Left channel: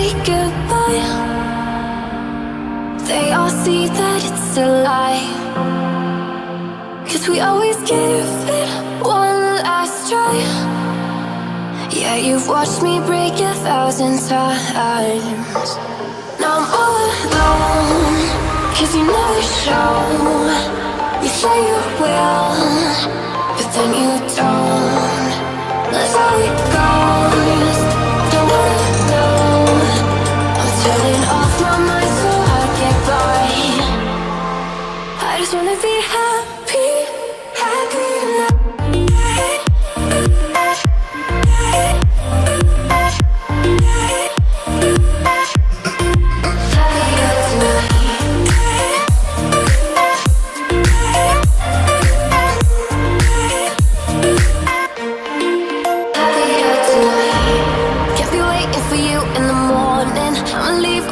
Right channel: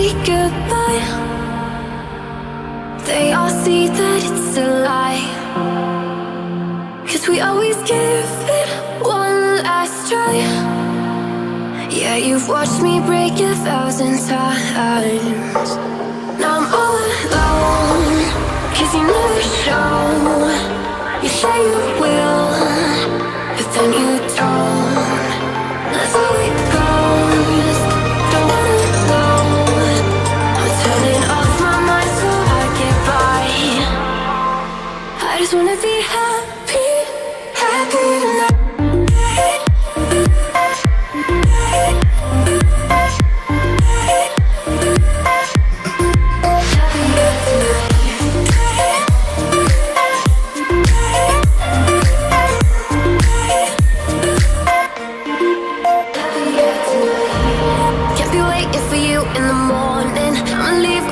say goodbye, they all see that it's a lie. 'Cause we always give it one last try. Yeah, you've watched me break 1,000 times. Now I'm all alone, 'cause you never show. You say you will, but then you don't. That's how it goes. Don't wanna know. I'm turning off my mind so I get by. I just wanna be happy, happy tonight.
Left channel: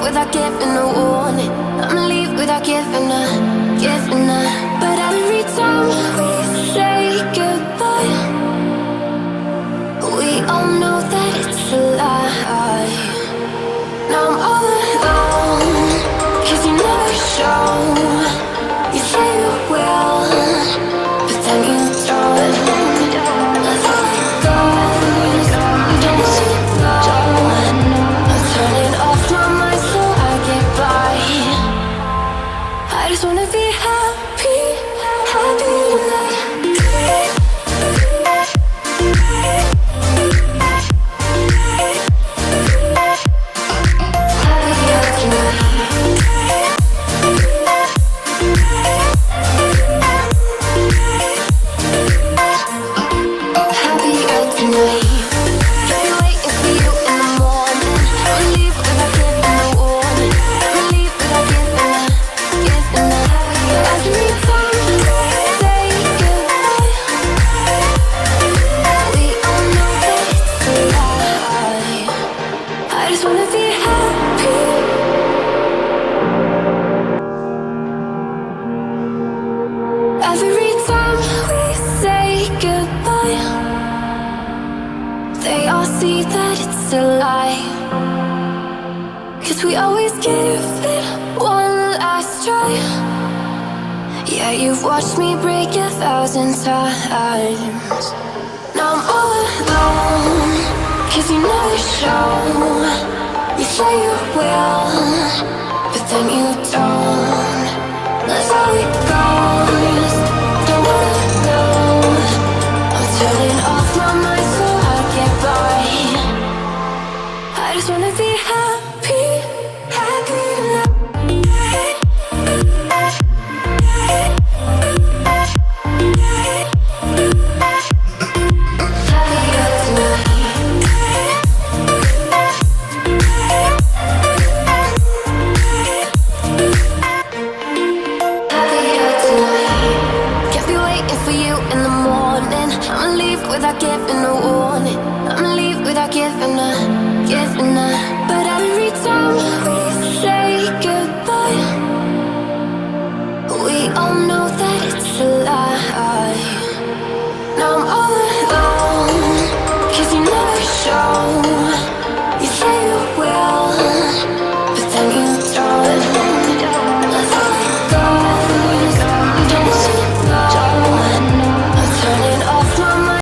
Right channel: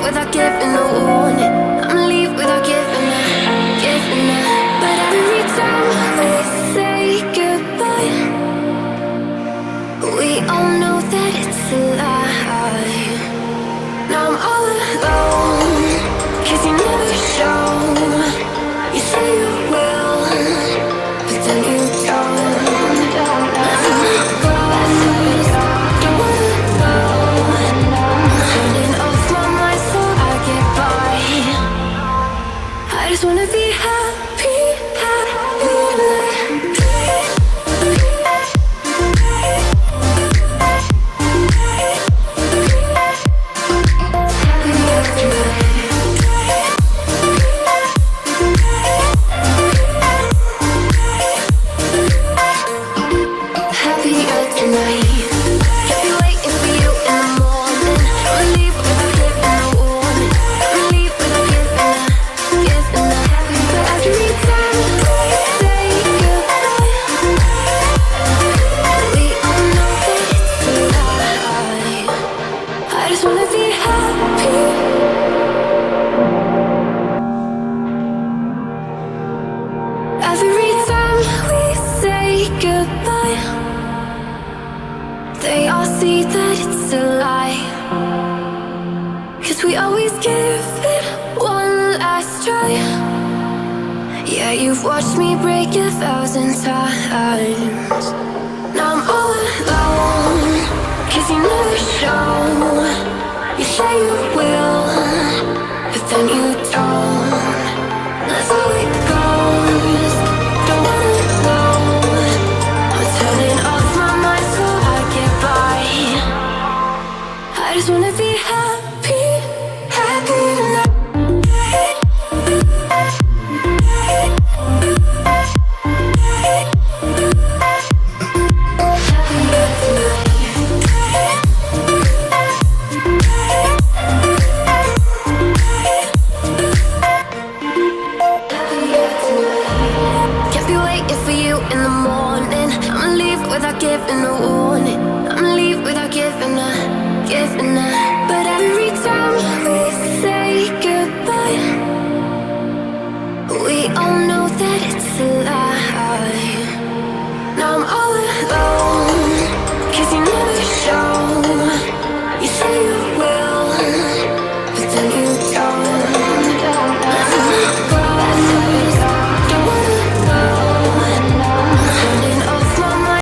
Without giving a warning, I'ma leave without giving a. But every time we say goodbye, we all know that it's a lie. Now I'm all alone, 'cause you never show. You say you will, but then you don't. That's how it goes. Don't wanna know. I'm turning off my mind so I get by. I just wanna be happy, happy tonight. Happier tonight. Kept me waiting for you in the morning. I'ma leave without giving a warning. I'ma leave without giving a. But every time we say goodbye, we all know that it's a lie. I just wanna be happy. Every time we say goodbye, they all see that it's a lie. 'Cause we always give it one last try. Yeah, you've watched me break 1,000 times. Now I'm all alone, 'cause you never show. You say you will, but then you don't. That's how it goes. Don't wanna know. I'm turning off my mind so I get by. I just wanna be happy, happy tonight. Happier tonight. Happier tonight. Can't be waiting for you in the morning. I'ma leave without giving a warning. I'ma leave without giving a. But every time we say goodbye, we all know that it's a lie. Now I'm